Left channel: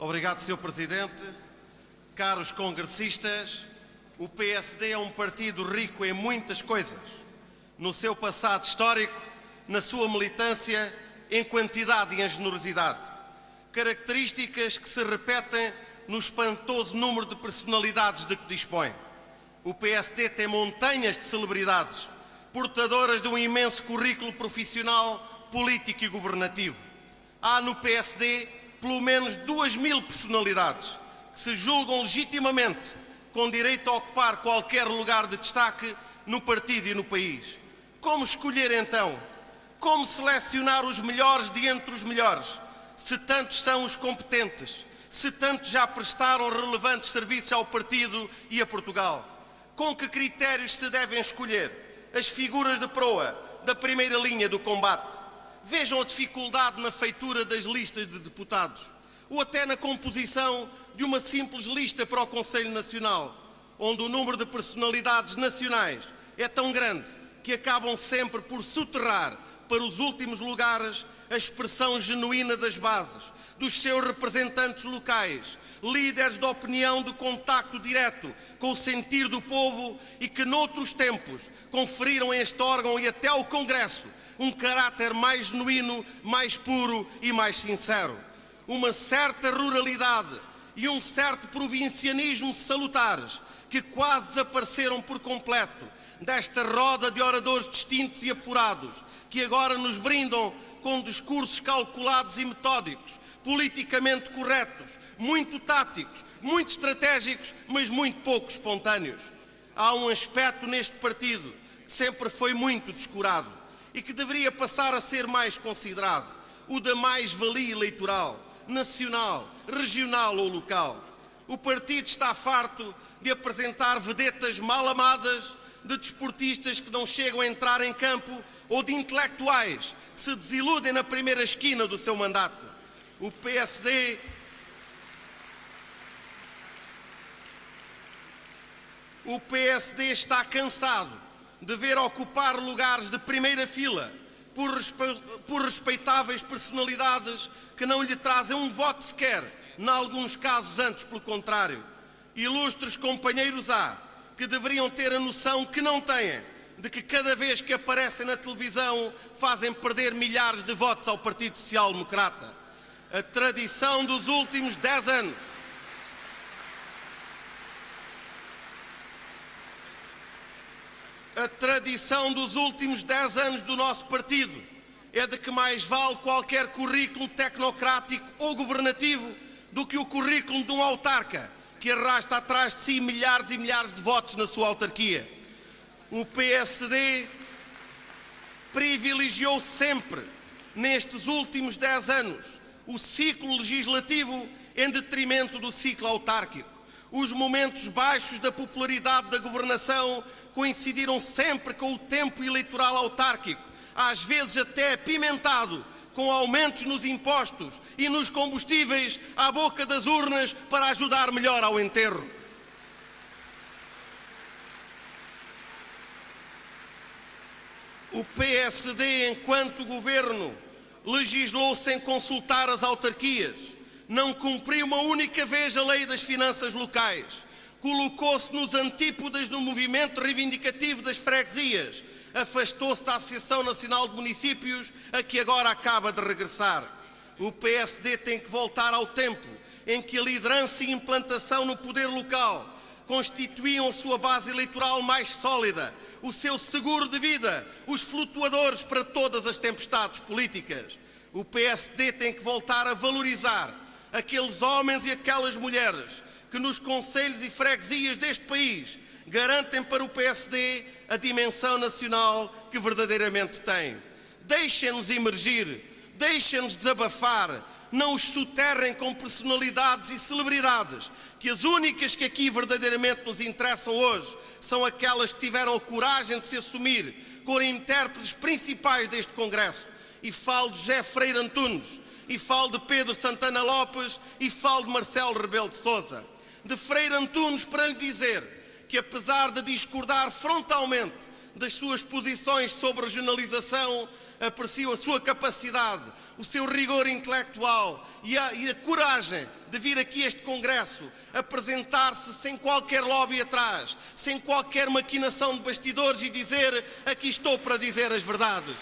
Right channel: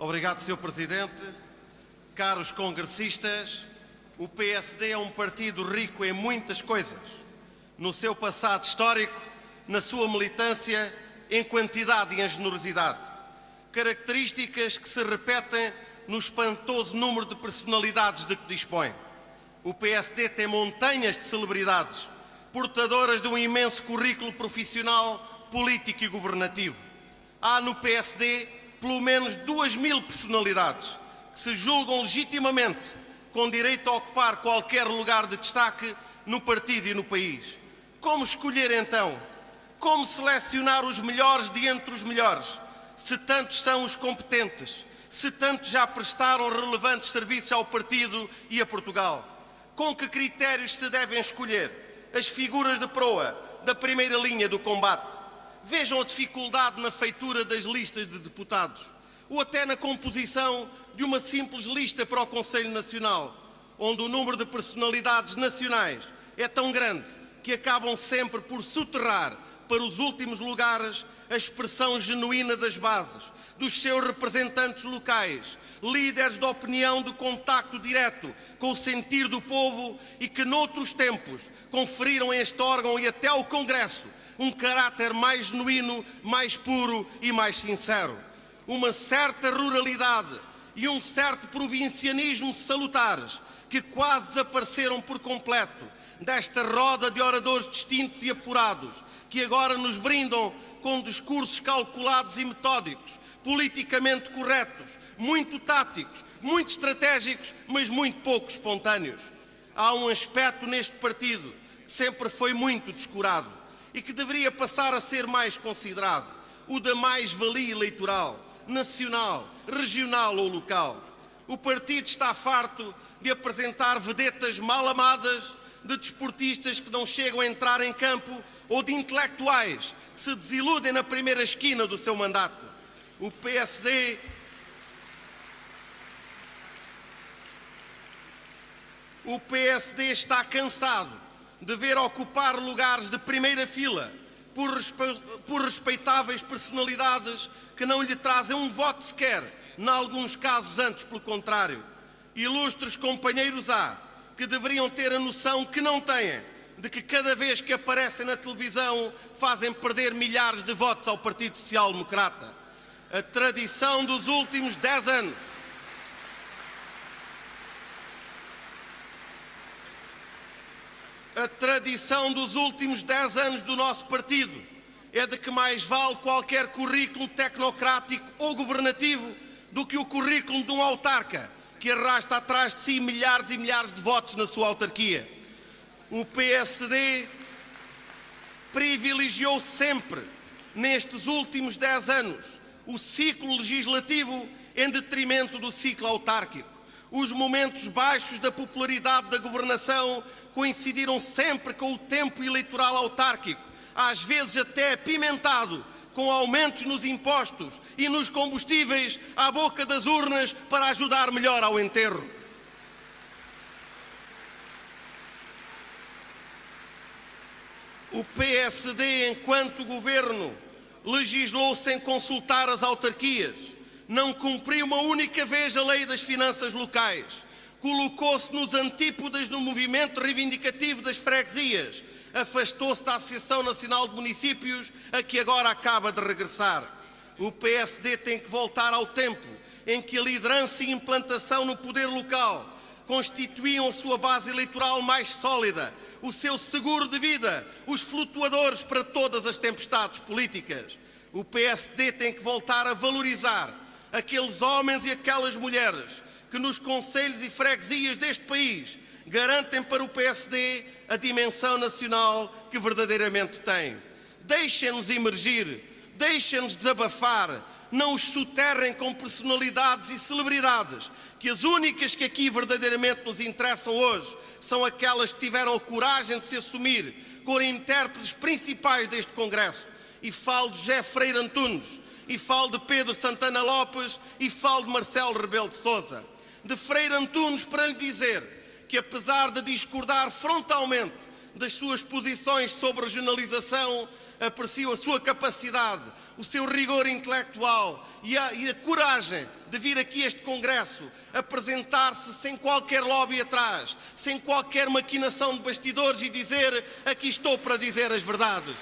Obrigado, Sr. Presidente. Caros congressistas, o PSD é um partido rico em muitas coisas. No seu passado histórico, na sua militância, em quantidade e em generosidade. Características que se repetem no espantoso número de personalidades de que dispõe. O PSD tem montanhas de celebridades, portadoras de um imenso currículo profissional, político e governativo. Há no PSD pelo menos 2.000 personalidades que se julgam legitimamente com direito a ocupar qualquer lugar de destaque no partido e no país. Como escolher então? Como selecionar os melhores de entre os melhores? Se tantos são os competentes, se tantos já prestaram relevantes serviços ao partido e a Portugal. Com que critérios se devem escolher as figuras de proa da primeira linha do combate? Vejam a dificuldade na feitura das listas de deputados, ou até na composição de uma simples lista para o Conselho Nacional, onde o número de personalidades nacionais é tão grande que acabam sempre por soterrar para os últimos lugares a expressão genuína das bases, dos seus representantes locais, líderes da opinião de contacto direto com o sentir do povo e que noutros tempos conferiram a este órgão e até ao Congresso um caráter mais genuíno, mais puro e mais sincero. Uma certa ruralidade e um certo provincianismo salutares que quase desapareceram por completo desta roda de oradores distintos e apurados que agora nos brindam com discursos calculados e metódicos, politicamente corretos, muito táticos, muito estratégicos, mas muito pouco espontâneos. Há um aspecto neste partido que sempre foi muito descurado e que deveria passar a ser mais considerado, o da mais-valia eleitoral, nacional, regional ou local. O partido está farto de apresentar vedetas mal amadas, de desportistas que não chegam a entrar em campo ou de intelectuais que se desiludem na primeira esquina do seu mandato. O PSD está cansado de ver ocupar lugares de primeira fila por respeitáveis personalidades que não lhe trazem um voto sequer, em alguns casos antes pelo contrário. Ilustres companheiros há que deveriam ter a noção que não têm, de que cada vez que aparecem na televisão fazem perder milhares de votos ao Partido Social Democrata. A tradição dos últimos 10 anos do nosso partido é de que mais vale qualquer currículo tecnocrático ou governativo do que o currículo de um autarca que arrasta atrás de si milhares e milhares de votos na sua autarquia. O PSD privilegiou sempre, nestes últimos 10 anos, o ciclo legislativo em detrimento do ciclo autárquico. Os momentos baixos da popularidade da governação coincidiram sempre com o tempo eleitoral autárquico, às vezes até apimentado, com aumentos nos impostos e nos combustíveis à boca das urnas para ajudar melhor ao enterro. O PSD, enquanto governo, legislou sem consultar as autarquias, não cumpriu uma única vez a lei das finanças locais, colocou-se nos antípodas do movimento reivindicativo das freguesias, afastou-se da Associação Nacional de Municípios, a que agora acaba de regressar. O PSD tem que voltar ao tempo em que a liderança e implantação no poder local constituíam a sua base eleitoral mais sólida, o seu seguro de vida, os flutuadores para todas as tempestades políticas. O PSD tem que voltar a valorizar aqueles homens e aquelas mulheres que nos concelhos e freguesias deste país garantem para o PSD a dimensão nacional que verdadeiramente tem. Deixem-nos emergir, deixem-nos desabafar, não os soterrem com personalidades e celebridades, que as únicas que aqui verdadeiramente nos interessam hoje são aquelas que tiveram a coragem de se assumir como intérpretes principais deste Congresso. E falo de José Freire Antunes, e falo de Pedro Santana Lopes, e falo de Marcelo Rebelo de Sousa. De Freire Antunes para lhe dizer que, apesar de discordar frontalmente das suas posições sobre regionalização, aprecio a sua capacidade, o seu rigor intelectual e a coragem de vir aqui a este Congresso apresentar-se sem qualquer lobby atrás, sem qualquer maquinação de bastidores e dizer: aqui estou para dizer as verdades.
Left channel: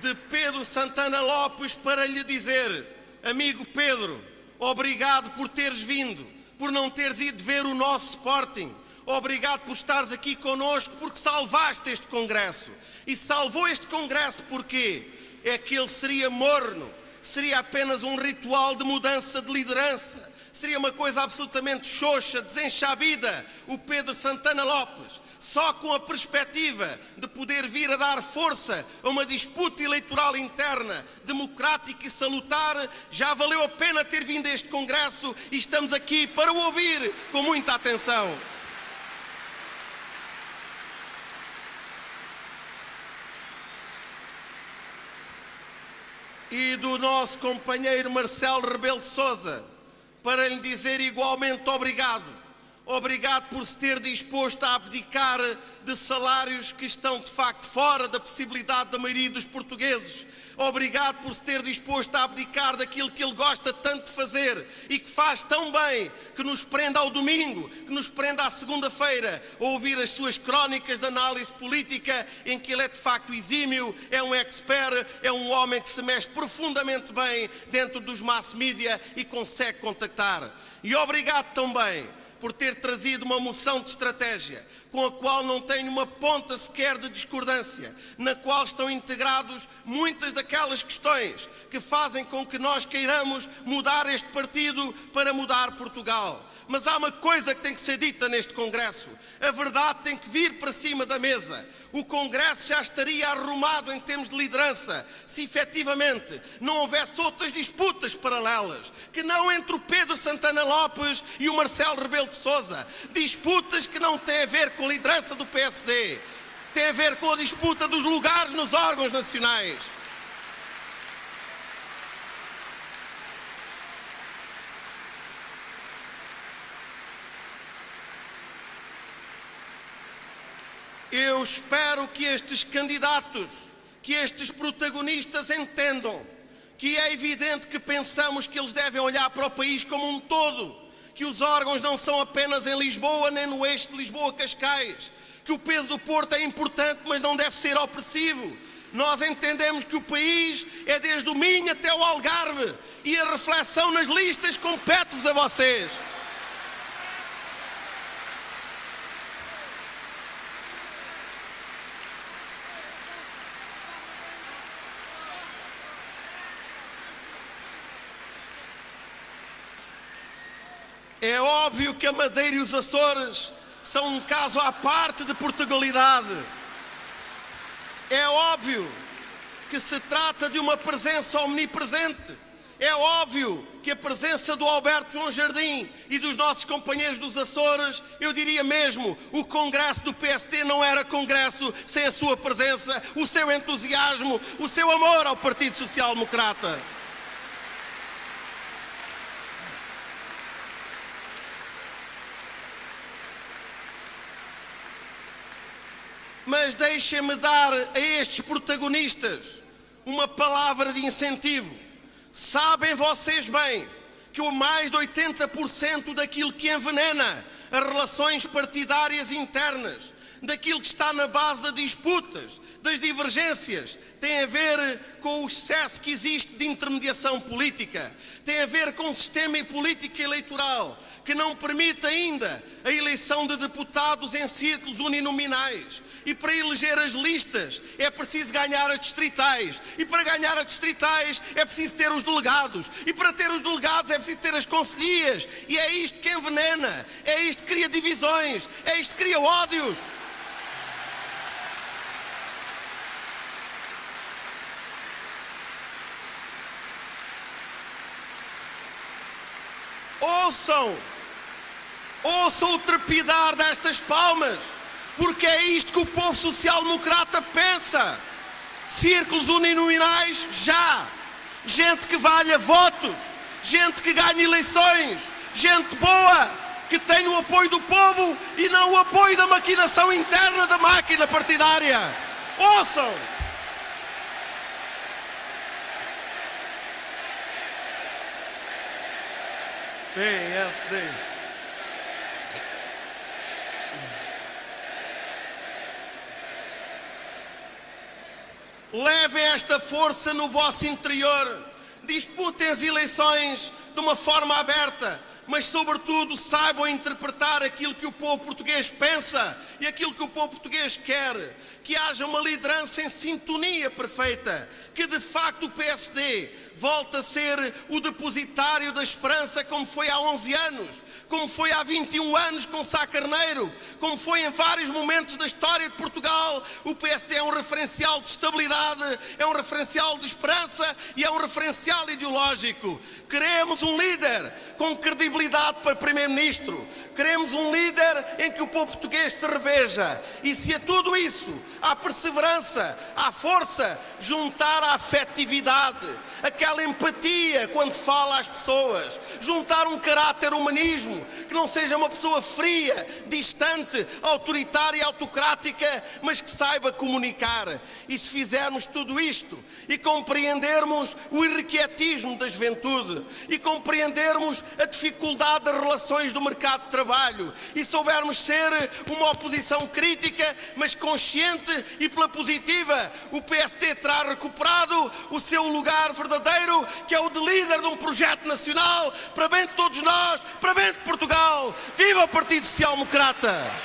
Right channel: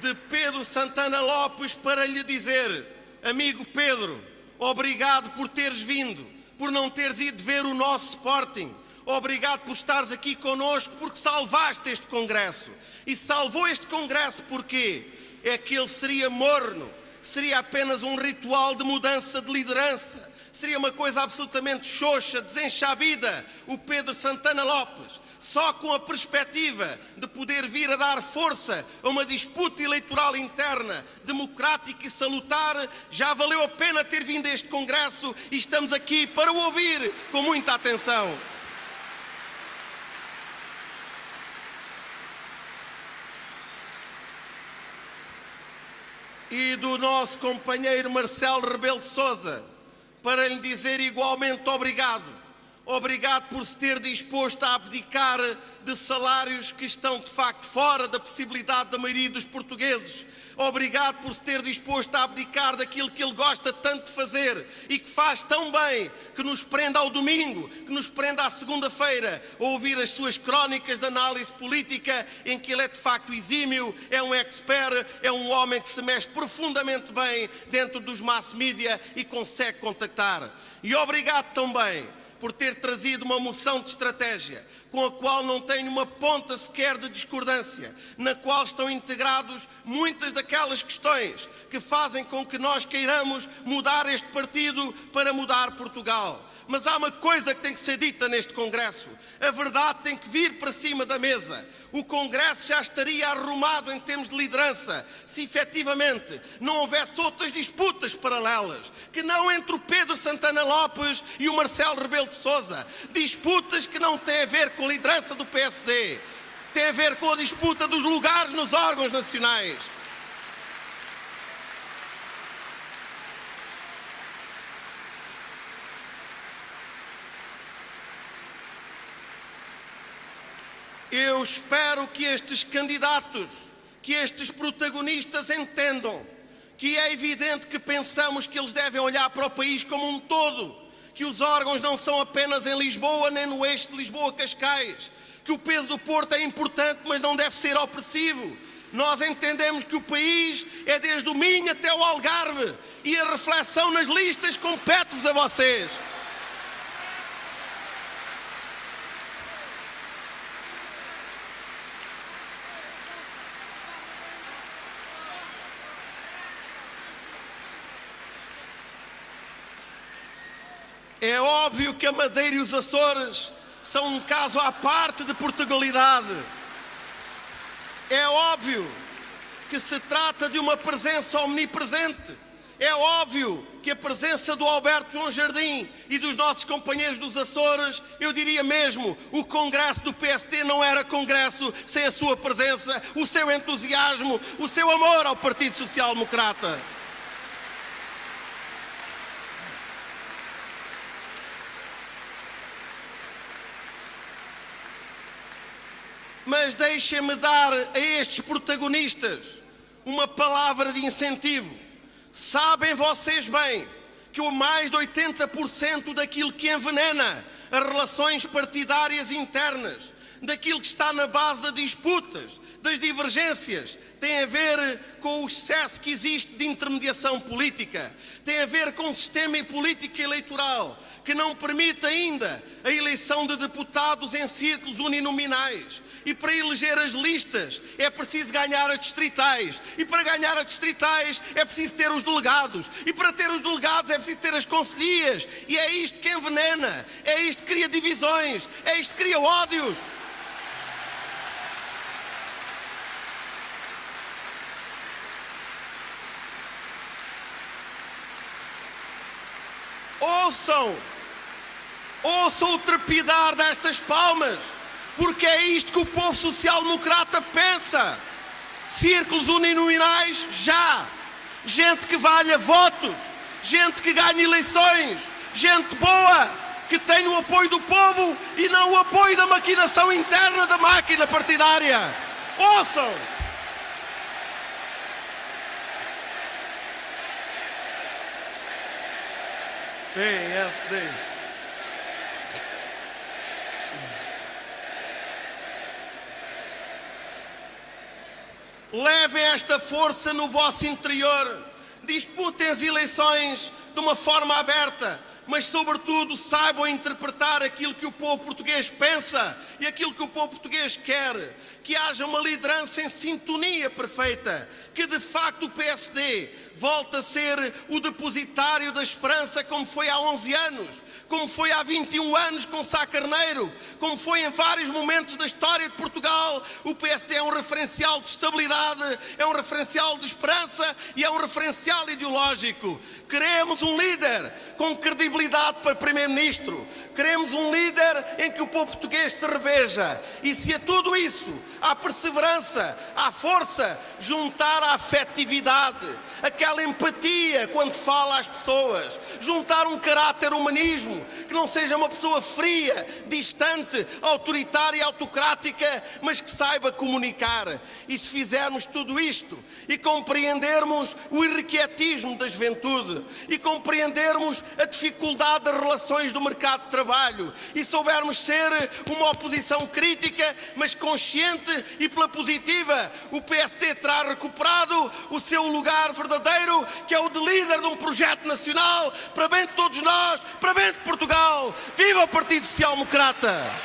De Pedro Santana Lopes para lhe dizer: amigo Pedro, obrigado por teres vindo, por não teres ido ver o nosso Sporting. Obrigado por estares aqui connosco, porque salvaste este Congresso. E salvou este Congresso porquê? É que ele seria morno, seria apenas um ritual de mudança de liderança, seria uma coisa absolutamente xoxa, desenxabida. O Pedro Santana Lopes, só com a perspectiva de poder vir a dar força a uma disputa eleitoral interna, democrática e salutar, já valeu a pena ter vindo a este Congresso e estamos aqui para o ouvir com muita atenção. E do nosso companheiro Marcelo Rebelo de Sousa, para lhe dizer igualmente obrigado. Obrigado por se ter disposto a abdicar de salários que estão de facto fora da possibilidade da maioria dos portugueses. Obrigado por se ter disposto a abdicar daquilo que ele gosta tanto de fazer e que faz tão bem, que nos prende ao domingo, que nos prende à segunda-feira, a ouvir as suas crónicas de análise política, em que ele é de facto exímio, é um expert, é um homem que se mexe profundamente bem dentro dos mass media e consegue contactar. E obrigado também por ter trazido uma moção de estratégia, com a qual não tenho uma ponta sequer de discordância, na qual estão integrados muitas daquelas questões que fazem com que nós queiramos mudar este partido para mudar Portugal. Mas há uma coisa que tem que ser dita neste Congresso. A verdade tem que vir para cima da mesa. O Congresso já estaria arrumado em termos de liderança se efetivamente não houvesse outras disputas paralelas, que não entre o Pedro Santana Lopes e o Marcelo Rebelo de Sousa. Disputas que não têm a ver com a liderança do PSD, têm a ver com a disputa dos lugares nos órgãos nacionais. Eu espero que estes candidatos, que estes protagonistas entendam que é evidente que pensamos que eles devem olhar para o país como um todo, que os órgãos não são apenas em Lisboa nem no eixo de Lisboa-Cascais, que o peso do Porto é importante, mas não deve ser opressivo. Nós entendemos que o país é desde o Minho até o Algarve e a reflexão nas listas compete-vos a vocês. É óbvio que a Madeira e os Açores são um caso à parte de Portugalidade. É óbvio que se trata de uma presença omnipresente. É óbvio que a presença do Alberto João Jardim e dos nossos companheiros dos Açores, eu diria mesmo, o Congresso do PSD não era Congresso sem a sua presença, o seu entusiasmo, o seu amor ao Partido Social Democrata. Mas deixem-me dar a estes protagonistas uma palavra de incentivo. Sabem vocês bem que o mais de 80% daquilo que envenena as relações partidárias internas, daquilo que está na base das disputas, das divergências, tem a ver com o excesso que existe de intermediação política, tem a ver com o sistema e política eleitoral, que não permite ainda a eleição de deputados em círculos uninominais. E para eleger as listas é preciso ganhar as distritais. E para ganhar as distritais é preciso ter os delegados. E para ter os delegados é preciso ter as conselhias. E é isto que envenena, é isto que cria divisões, é isto que cria ódios. Ouçam o trepidar destas palmas, porque é isto que o povo social-democrata pensa. Círculos uninominais, já. Gente que valha votos, gente que ganhe eleições, gente boa, que tem o apoio do povo e não o apoio da maquinação interna da máquina partidária. Ouçam! PSD. Levem esta força no vosso interior. Disputem as eleições de uma forma aberta, mas sobretudo saibam interpretar aquilo que o povo português pensa e aquilo que o povo português quer. Que haja uma liderança em sintonia perfeita, que de facto o PSD volte a ser o depositário da esperança, como foi há 11 anos, como foi há 21 anos com Sá Carneiro, como foi em vários momentos da história de Portugal. O PSD é um referencial de estabilidade, é um referencial de esperança e é um referencial ideológico. Queremos um líder com credibilidade para Primeiro-Ministro. Queremos um líder em que o povo português se reveja. E se a tudo isso, à perseverança, à força, juntar a afetividade, aquela empatia quando fala às pessoas, juntar um caráter humanismo, que não seja uma pessoa fria, distante, autoritária e autocrática, mas que saiba comunicar. E se fizermos tudo isto e compreendermos o irrequietismo da juventude e compreendermos a dificuldade das relações do mercado de trabalho e soubermos ser uma oposição crítica, mas consciente e pela positiva, o PSD terá recuperado o seu lugar verdadeiro, que é o de líder de um projeto nacional, para bem de todos nós, para bem de Portugal. Viva o Partido Social Democrata!